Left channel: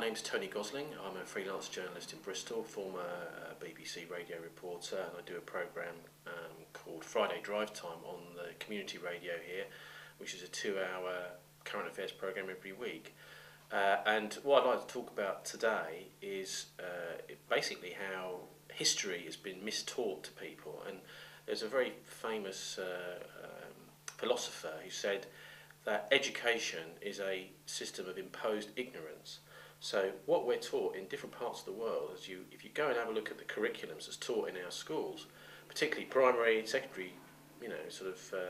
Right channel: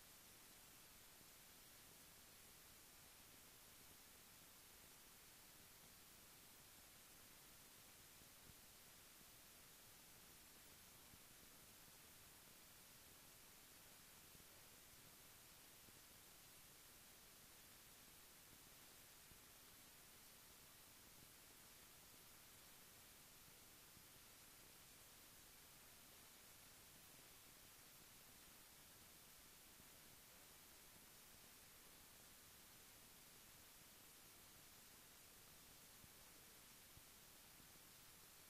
my name's Tony Gosling. I'm a freelance journalist in Bristol, former BBC radio reporter, and I do a programme called Friday Drive Time on the community radio here, which is a 2-hour current affairs programme every week. And what I'd like to talk about today is basically how history has been mistaught to people. And there's a very famous philosopher who said that education is a system of imposed ignorance. So what we're taught in different parts of the world, if you go and have a look at the curriculums that's taught in our schools, particularly primary, secondary,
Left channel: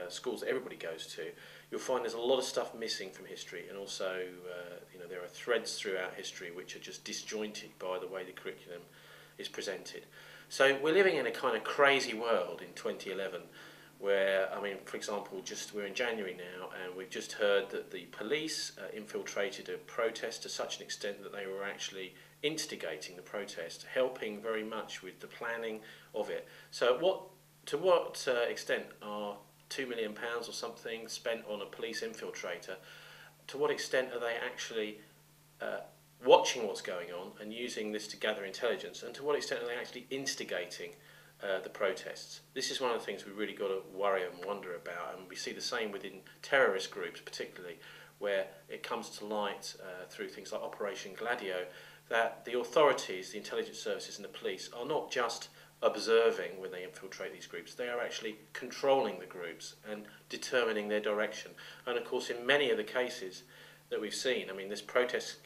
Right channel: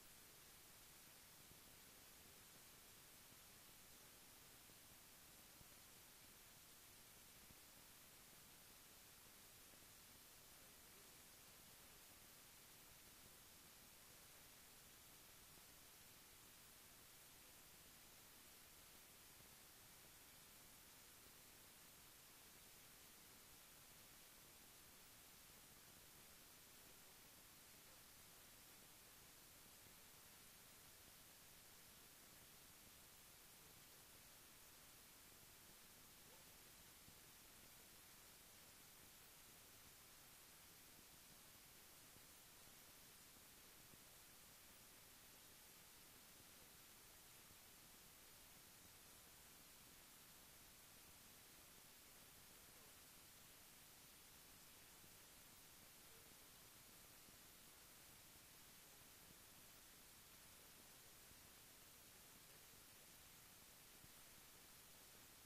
schools that everybody goes to, you'll find there's a lot of stuff missing from history, and also there are threads throughout history which are just disjointed by the way the curriculum is presented. So we're living in a kind of crazy world in 2011 where, for example, we're in January now, and we've just heard that the police infiltrated a protest to such an extent that they were actually instigating the protest, helping very much with the planning of it. So to what extent are £2 million or something spent on a police infiltrator? To what extent are they actually watching what's going on and using this to gather intelligence? And to what extent are they actually instigating the protests? This is one of the things we really got to worry and wonder about, and we see the same within terrorist groups particularly, where it comes to light through things like Operation Gladio that the authorities, the intelligence services and the police are not just observing when they infiltrate these groups, they are actually controlling the groups and determining their direction. And of course in many of the cases that we've seen, this protest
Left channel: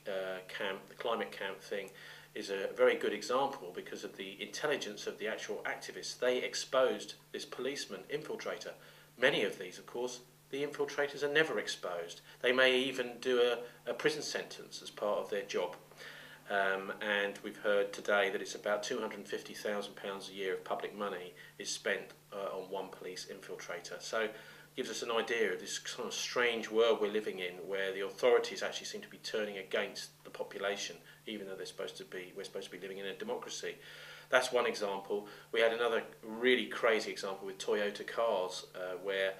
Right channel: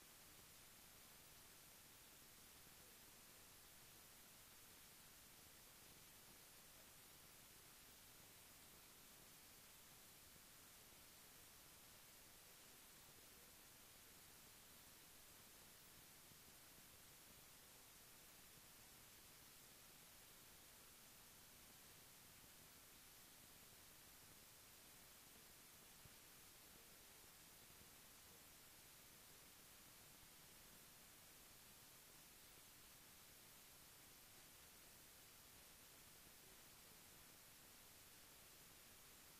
camp, the climate camp thing, is a very good example because of the intelligence of the actual activists. They exposed this policeman infiltrator. Many of these, of course, the infiltrators are never exposed. They may even do a prison sentence as part of their job. And we've heard today that it's about £250,000 a year of public money is spent on one police infiltrator. So it gives us an idea of this kind of strange world we're living in, where the authorities actually seem to be turning against the population, even though we're supposed to be living in a democracy. That's one example. We had another really crazy example with Toyota cars, where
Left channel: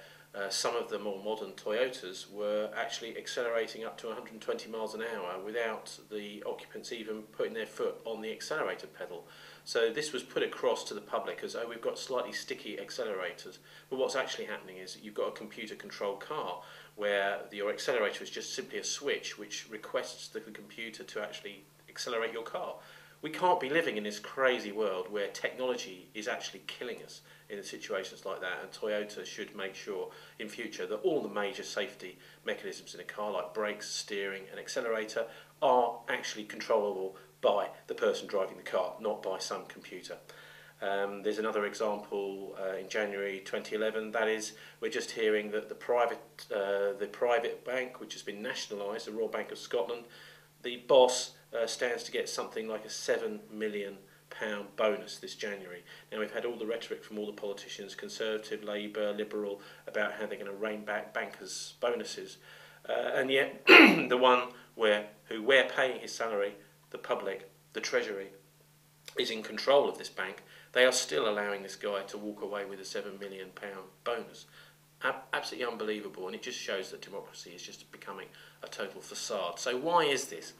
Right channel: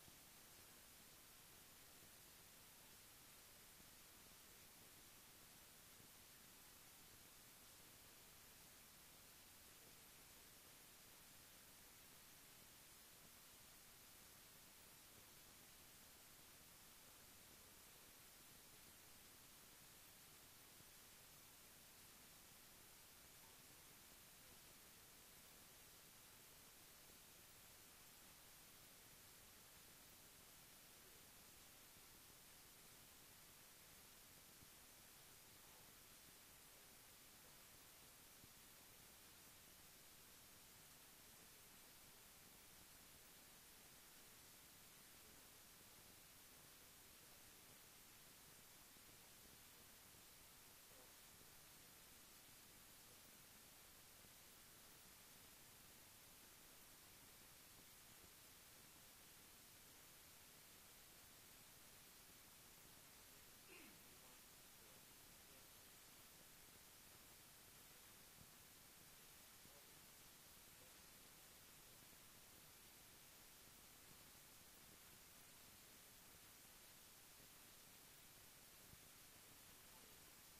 some of the more modern Toyotas were actually accelerating up to 120 miles an hour without the occupants even putting their foot on the accelerator pedal. So this was put across to the public as, oh, we've got slightly sticky accelerators. But what's actually happening is that you've got a computer-controlled car where your accelerator is just simply a switch which requests the computer to actually accelerate your car. We can't be living in this crazy world where technology is actually killing us in situations like that, and Toyota should make sure in future that all the major safety mechanisms in a car, like brakes, steering and accelerator, are actually controllable by the person driving the car, not by some computer. There's another example in January 2011, that is, we're just hearing that the private bank, which has been nationalised, the Royal Bank of Scotland, the boss stands to get something like a £7 million bonus this January. Now we've had all the rhetoric from all the politicians, Conservative, Labour, Liberal, about how they're going to rein back bankers' bonuses, and yet the one who we're paying his salary, the public, the Treasury, is in control of this bank. They are still allowing this guy to walk away with a £7 million bonus. Absolutely unbelievable, and it just shows that democracy is just becoming a total facade. So why is this?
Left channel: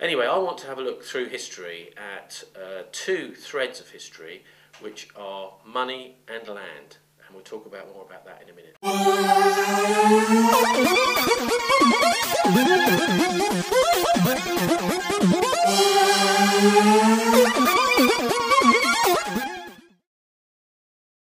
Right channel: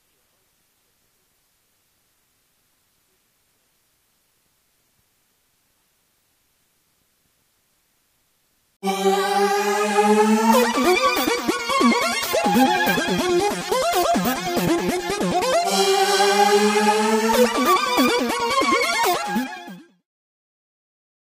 Anyway, I want to have a look through history at two threads of history, which are money and land, and we'll talk more about that in a minute.